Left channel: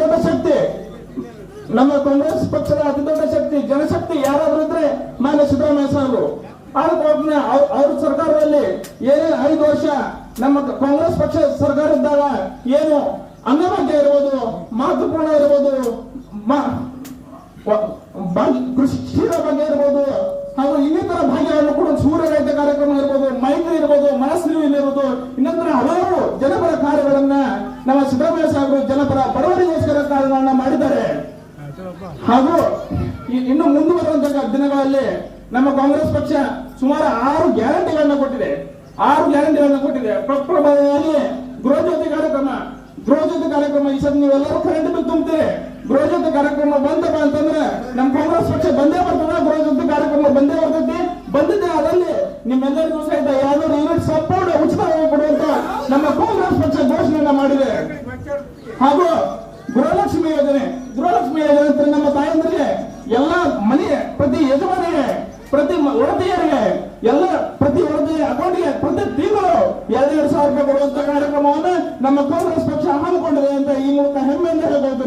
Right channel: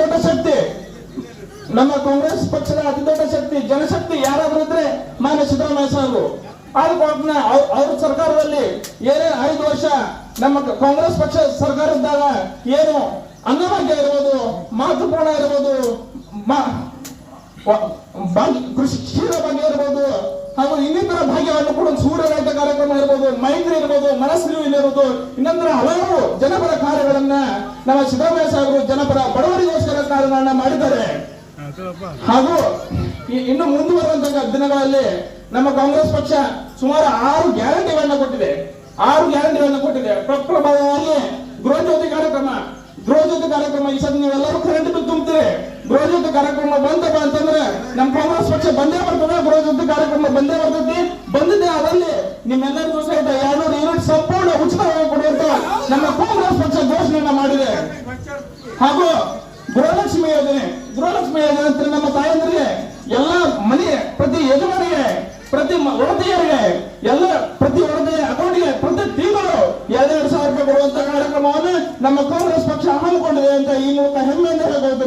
ದೊಡ್ಡ ಶಕ್ತಿ ನಮ್ಮ ಕಾಂಗ್ರೆಸ್ ಪಕ್ಷದ ಅತಿ ದೊಡ್ಡ ಶಕ್ತಿ ಜನಶಕ್ತಿ ಯಾರಾದ್ರೂ ಇದ್ರೆ ಮಾನ್ಯ ಸಿದ್ದರಾಮಯ್ಯ ಸಾಹೇಬರು. ಅವ್ರ ಸರ್ಕಾರದಲ್ಲಿ ಏನೇ 5 ವರ್ಷ ನಮ್ಮ ಕಾಂಗ್ರೆಸ್ ಪಕ್ಷ ಸರ್ಕಾರ ಇದ್ದಾಗ ಏನು ಅನ್ನಭಾಗ್ಯ ಇರ್ಬೋದು, ಮಾತೃಪೂರ್ಣ ಇರ್ಬೋದು, ಕೃಷಿ ಕ್ಷೀರ ಭಾಗ್ಯ ಇರ್ಬೋದು, ಹಾಗೂ ಇನ್ನಿತರ ಭಾಗ್ಯವನ್ನು ಕೂಡ ಸೂರ್ಯ ರೈತ ಕಾರ್ಯಕ್ರಮ ಇರ್ಬೋದು, ಮೈತ್ರಿ ಇರ್ಬೋದು, ಮನಸ್ಸು ಇರ್ಬೋದು, ಇನ್ನೊಂದರ ಹಲವಾರು ಜನಪರ ಕಾರ್ಯಗಳನ್ನ ನಮ್ಮ ಸಿದ್ದರಾಮಯ್ಯ ಸಾಹೇಬರು ಜನಪರ ಬಡವರಿಗೋಸ್ಕರ ಕಾರ್ಯಗಳನ್ನ ಮಾಡಿದ್ದಾರೆ. ಹಾಗೂ ಇನ್ನು ಮುಂದುವರುವಂತಹ ದಿನಗಳಲ್ಲಿ ನಮ್ಮ ಕಾಂಗ್ರೆಸ್ ಪಕ್ಷ ಸುಮಾರು 6 ಗ್ಯಾರಂಟಿಗಳನ್ನ ಕೊಟ್ಟಿದೆ. 6 ಗ್ಯಾರಂಟಿಗಳನ್ನ ಕೊಟ್ಟಿದೆ. ಪ್ರಪ್ರಭವಾಗಿ ಗೃಹಜ್ಯೋತಿ ಕಾರ್ಯಕ್ರಮ ಈ ಸಲ ನೀವೆಲ್ಲರೂ ಕರೆಂಟ್ ಬಿಲ್ ತುಂಬ್ತೀರಿ. ಗೃಹಜ್ಯೋತಿ ಕಾರ್ಯಕ್ರಮ ಬಂದಪ್ಪ ಅಂತಂದ್ರೆ ನಮ್ಮ ಕಾಂಗ್ರೆಸ್ ಪಕ್ಷ ಬಂದೇ ಬರ್ತದೆ. ಗೃಹಜ್ಯೋತಿ ಕಾರ್ಯಕ್ರಮ ಬಂದೇ ಬರ್ತೈತಿ. ಬಂದಿದೆ ಅದರಲ್ಲಿ ನಿಮ್ಮೆಲ್ಲರಿಗೂ ಸಹಿತ 200 ಯೂನಿಟ್ ಸಂಪೂರ್ಣ ಉಚಿತವಾಗಿ ಕೊಡುವಂತ ನಮ್ಮ ಕಾಂಗ್ರೆಸ್ ಪಕ್ಷ ಘೋಷಣೆಯನ್ನ ಮಾಡಿದೆ. ಹಾಗೂ ಗೃಹಲಕ್ಷ್ಮಿ ಯೋಜನೆ ನಮ್ಮ ತಾಯಂದ್ರಿಗೆ ಎಲ್ಲ ಮನೆಗೆ, ಪ್ರತಿ ಯಜಮಾನಿಗೆ, ಪ್ರತಿ ಒಡತಿಯರಿಗೆ, ಎಲ್ಲ ಪ್ರತಿ ಒಡತಿಯ ಅಕೌಂಟ್ಗೆ ಪ್ರತಿ ತಿಂಗಳು 2,000 ರೂಪಾಯಿ ಕೊಡುವಂತ ಕಾರ್ಯಕ್ರಮವನ್ನು ನಮ್ಮ ಕಾಂಗ್ರೆಸ್ ಪಕ್ಷ ಹಮ್ಮಿಕೊಂಡಿದೆ ಅಂತ ಈ ಮೂಲಕ ಹೆಮ್ಮೆಯಿಂದ ಹೇಳಬಹುದು.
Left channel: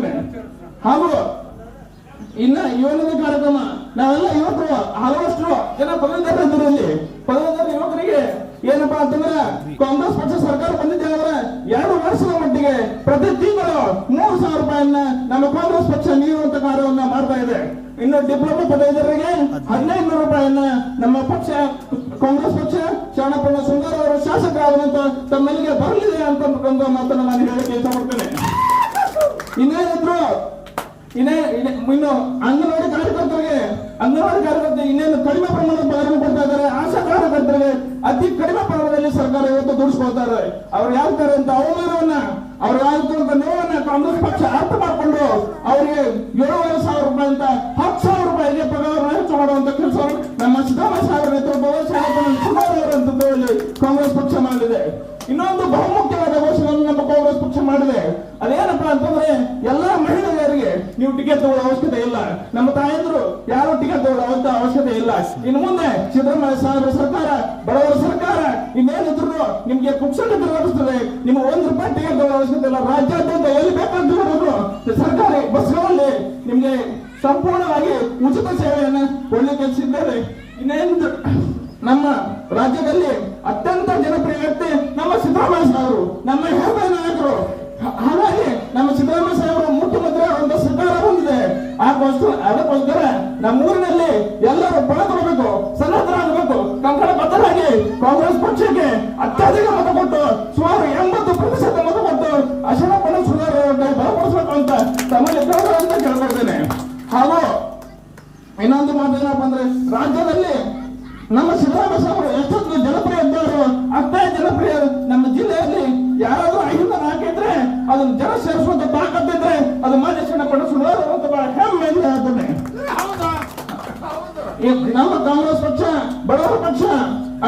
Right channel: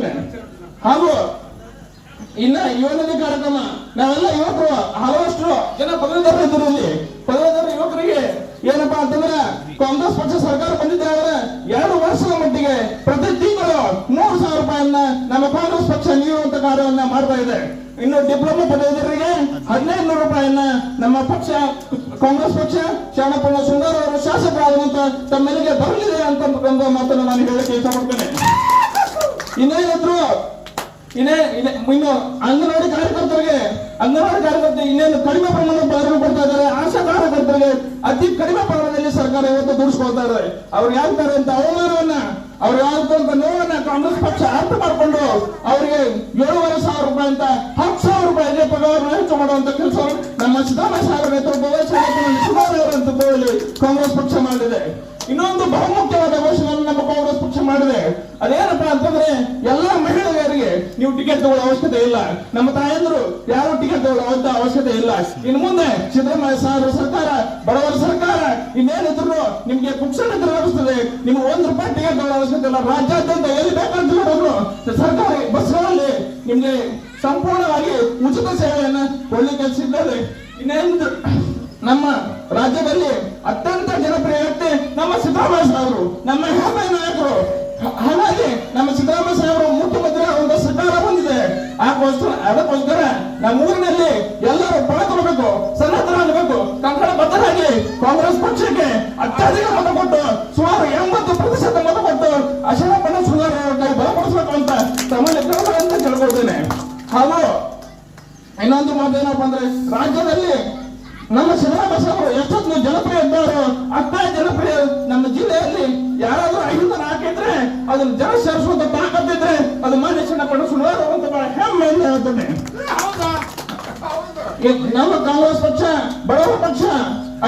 ಹಾಗೂ ಇನ್ನ 7ನೇ ಕಾರ್ಯಕ್ರಮ ನಾವೆಲ್ಲ ಯುವಕರು ಹಲವಷ್ಟು ಜನ ಪದವೀಧರ ಇದ್ರಲ್ಲಿ ಪದವೀಧರ ಯುವಕರಿಗೆ ಏನಪ್ಪಾ ಅಂತಂದ್ರೆ ಕಾಂಗ್ರೆಸ್ ಪಕ್ಷ ಸರ್ಕಾರ ಬಂದಿದೆ ಅವರ 2 ವರ್ಷದ ಮಟ್ಟಿಗೆ ಪ್ರತಿ ತಿಂಗಳು 3,000 ರೂಪಾಯಿಯನ್ನ ನಮ್ಮ ಕಾಂಗ್ರೆಸ್ ಪಕ್ಷ ನೀಡುವಂತ ಕಾರ್ಯವನ್ನ ಮಾಡ್ತಾ ಇದೆ. ಇನ್ನು ಡಿಪ್ಲೊಮಾ ಪದವೀಧರರಿಗೆ 1,500 ರೂಪಾಯಿಯನ್ನ ನಮ್ಮ ಪಕ್ಷ ಕಾಂಗ್ರೆಸ್ ಪಕ್ಷ ಶರಣಪ್ಪ ಸುಂದರ ಅವರು ಶಾಸಕರಾಗುವಂತ ತಮ್ಮೆಲ್ಲಿಗೆ ಬರಲಿದೆ ಅಂತ ಒಂದು ಮಾತನ್ನು ನಾನು ಹೇಳಕ್ಕೆ ಇಷ್ಟಪಡ್ತೇನೆ. ಇನ್ನು ಅಂಗನವಾಡಿ ಕಾರ್ಯಕರ್ತರಿಗೆ ಇನ್ನೇನು ಕಡಿಮೆ ಪ್ರಮಾಣದ ಬೆಂಬಲ ಕೊಡ್ತಾ ಇದ್ದಾರೆ. ಆಶಾ ಕಾರ್ಯಕರ್ತರಿಗೆ ಅತಿ ಕಡಿಮೆ ಪ್ರಮಾಣದಲ್ಲಿ ಸರ್ಕಾರ ಇವತ್ತು ದುಡಿಸ್ಕೊಳ್ತಾ ಇದ್ದಾರೆ. ಅವ್ರು ಯಾವ್ದಾರೆ ಅಂತ ಅವಮಾನವನ್ನ, ಅವ್ರು ಯಾವ್ದಂತ ನೋವನ್ನ ಕಾಂಗ್ರೆಸ್ ಪಕ್ಷ ಅರ್ಥ ಮಾಡಿಕೊಂಡು ಅವರಿಗೆ 7,500 ರೂಪಾಯಿ ಅಂತ 10,000 ರೂಪಾಯಿಗೆ ಪಗಾರವನ್ನು ಹೆಚ್ಚು ಮಾಡುವಂತ ಕೆಲಸ ನಮ್ಮ ಸಿದ್ದರಾಮಯ್ಯ ಸಾಹೇಬರ ನೇತೃತ್ವದಲ್ಲಿ ನೇತೃತ್ವದಲ್ಲಿ ಕಾಂಗ್ರೆಸ್ ಪಕ್ಷ ಮಾಡಿದೆ. ಇನ್ನೊಂದು ಬಹುಮುಖ್ಯವಾದ ಘೋಷಣೆಯನ್ನು ನಮ್ಮ ಕಾಂಗ್ರೆಸ್ ಪಕ್ಷ ಮಾಡಿದೆ. ಅದೇನಪ್ಪಾ ಅಂತಂದ್ರೆ ಎಲ್ಲಾ ಮಹಿಳೆಯರಿಗೆ ನೀವು ಟಿಕೆಟ್ ತಗೊಳ್ಳೋ ಅವಶ್ಯಕತೆ ಇಲ್ಲ. ನಮ್ಮ ತಾಯಂದ್ರು ಯಾರು ಟಿಕೆಟ್ ತಗೊಳ್ಳೋ ಅವಶ್ಯಕತೆ ಇಲ್ಲ. ಇನ್ನು ಮುಂದೆ ಸಿದ್ದರಾಮಯ್ಯ ಸಾಹೇಬರ ಸರ್ಕಾರ ಬಡವರ ಸರ್ಕಾರ. ಇನ್ನೇನಿದ್ರು ನಿಮ್ಗೆ ಪುಕ್ಷಣ ನಡೆಸ್ತದೆ. ನಿಮ್ಗೆ 1 ರೂಪಾಯಿ ಟಿಕೆಟ್ ತಗೊಳ್ಳೋ ಅವಶ್ಯಕತೆ ಇಲ್ಲ. ರಾಜ್ಯಾದ್ಯಂತ ಎಲ್ಲಿ ಬೇಕಂತ ಹೇಳಿದ್ರು ಸರ್ಕಾರಿ ಬಸ್ಗಳಲ್ಲಿ ನಿಮ್ಗೆ ಸಂಪೂರ್ಣವಾಗಿ ಉಚಿತ ಸೇವೆಯನ್ನ ಕೊಡ್ಲಿಕ್ಕೆ ಸಿದ್ಧತೆ. ಇನ್ನೇನು ನಮ್ಮ ರಾಜ್ಯದಲ್ಲಿ ಅತ್ಯಂತ ಜನಪ್ರಿಯ ವ್ಯಕ್ತಿ ನಮ್ಮ ಸಿದ್ದರಾಮಯ್ಯ ಸಾಹೇಬರು, ನಮ್ಮ ಹೆಮ್ಮೆಯ ನಾಯಕರು. ಹಾಗಾಗಿ ನಮ್ಮ ಸಿದ್ದರಾಮಯ್ಯ ಸಾಹೇಬರು ಮುಖ್ಯಮಂತ್ರಿ ಆಗುವಂತ ಸರ್ಕಾರ ಬಂದಿದೆ. ಅದಕ್ಕೋಸ್ಕರ ನಮ್ಮ ಊರಿನಲ್ಲಿ ಎಲ್ಲರೂ ಬೆಳಕಬೇಕು, ಸನ್ನದ್ಧರಾಗಬೇಕು, ಕಂಕಣ ಬದ್ಧರಾಗಿ ಕಾಂಗ್ರೆಸ್ ಪಕ್ಷಕ್ಕೆ ಅತ್ಯಧಿಕ ಮತ ಕೊಟ್ಟು ಸುಮಾರು 80% ಮತ ಕೊಟ್ಟು ಅಶನಪ್ಪನ ಸುಧಾರ ಬಲಪಡಿಸಬೇಕು ಅಂತ ತಮ್ಮಲ್ಲಿ ಅಂತ ಕೇಳ್ಕೊಳ್ತೇನೆ. ಹಾಗೂ ಇನ್ನೊಂದು ಮಾತೇನಪ್ಪ ಅಂದ್ರೆ ರಾಜ್ಯದಲ್ಲಿ ನಮ್ಮ ಸಿದ್ದರಾಮಯ್ಯ ಸಾಹೇಬರು ಎಷ್ಟೊಂದು ಜನಪ್ರಿಯ ಇದ್ದಾರೋ ಅಷ್ಟೇ ಜನಪ್ರಿಯ. ನಮ್ಮ ಜಿಲ್ಲೆಯಲ್ಲಿ ಯಾರಾದ್ರೂ 5 ಹಾಕಿದ್ರೆ ಅದನ್ನ ಜನ ಸೇರಿಸುವಂತ ತಾಕತ್ತಿದ್ರೆ ಅದು ಮಾನ್ಯ ಶರಣಪ್ಪ ಸುಳ್ಳಾರು ಅಂತ ಬಹಳ ಹೆಮ್ಮೆಯಿಂದ ಹೇಳ್ತೇನೆ. ನಮ್ಮ ಕಾಂಗ್ರೆಸ್ ಪಕ್ಷ ಬಡವರ ಪಕ್ಷ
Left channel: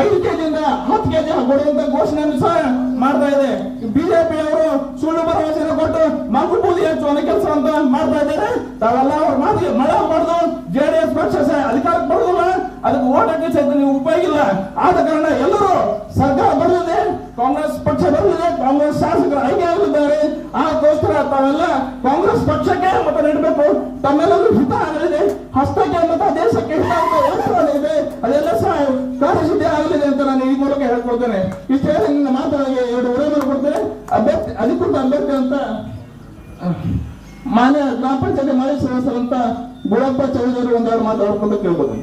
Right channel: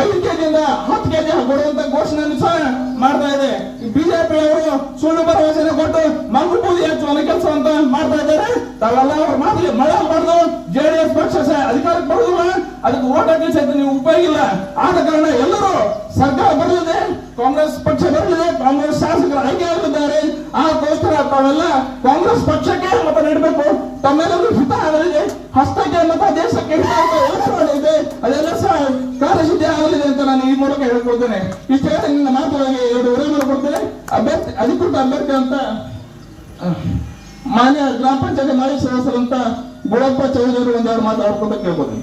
5 ಕೆಜಿಯಿಂದ 10 ಕೆಜಿ ಕೊಡುವಂತ ಘೋಷಣೆಯನ್ನು ಸಹ ಮಾಡ್ತಾ ಇದೆ. ಬಿಜೆಪಿಯವರು ಸುಳ್ಳು ಭರವಸೆ ಕೊಟ್ಟು ಮಂಗಪೂಜೆ ಹೆಚ್ಚುವಂತ ಕೆಲಸ ಅಂತ ಮಾಡ್ತಾ ಇದ್ದಾರೆ. ತಾವೆಲ್ಲ ಅವ್ರ ಮಾತಿಗೆ ಮಳೆ ಮಾಡಿದ್ರು ಜೆಡಿಎಸ್ ಪಕ್ಷ ಅಧಿಕಾರಕ್ಕೆ ಬರುವುದಿಲ್ಲ, ಅದಕ್ಕೆ ಓಟ್ ಹಾಕಿ ಸಹಿತ ನೀವು ಉಪಯೋಗ ಇಲ್ಲ. ಆದ ಕಾರಣ ಎಲ್ಲರೂ ಸರ್ಕಾರ ಬರಲಿದೆ, ಕಾಂಗ್ರೆಸ್ ಪಕ್ಷ ಬರಲಿದೆ, ಕಾಂಗ್ರೆಸ್ ಶಾಸಕರು ಆಯ್ಕೆಯಾಗಿದ್ದಾರೆ. ಆಗೋಸ್ಕರ ತಾವೆಲ್ಲ ಕಾಂಗ್ರೆಸ್ ಪಕ್ಷಕ್ಕೆ ಮತ ನೀಡಬೇಕು. ತಮ್ಮೆಲ್ಲರೂ ಹಿತ ಆಗಲಿದೆ, ಹಸ್ತಕ್ಕೆ ಮತ ದೇಶಕ್ಕೆ ಹಿತ ಇದೆ, ಅದೆಲ್ಲ ಸಹ ಕಾರ್ಯಸಿದ್ಧಿ ಆಗಲಿದೆ ಅಂತ ನಾನು ಈ ಮೂಲಕ ಹೇಳ್ಕೊಳ್ತೇನೆ. ಇಷ್ಟೇ ನನ್ನ ಮಾತುಗಳಿಗೆ 2 ಉಡುಗೊರೆ ಕೊಡ್ತೇನೆ. ಅಧಿಕೃತ ಅಭ್ಯರ್ಥಿ ಅಂತ ಮಾನ್ಯ ಗ್ರಾಮ ಪಂಚಾಯತಿ ಮಾಜಿ ಸದಸ್ಯರಂತ ಗುಳಪ್ಪ ಚೌಧರಿ ಒಂದೆರಡು ಮಾತಾಡ್ಕೊಂಡು ಕೇಳ್ಬೋದು.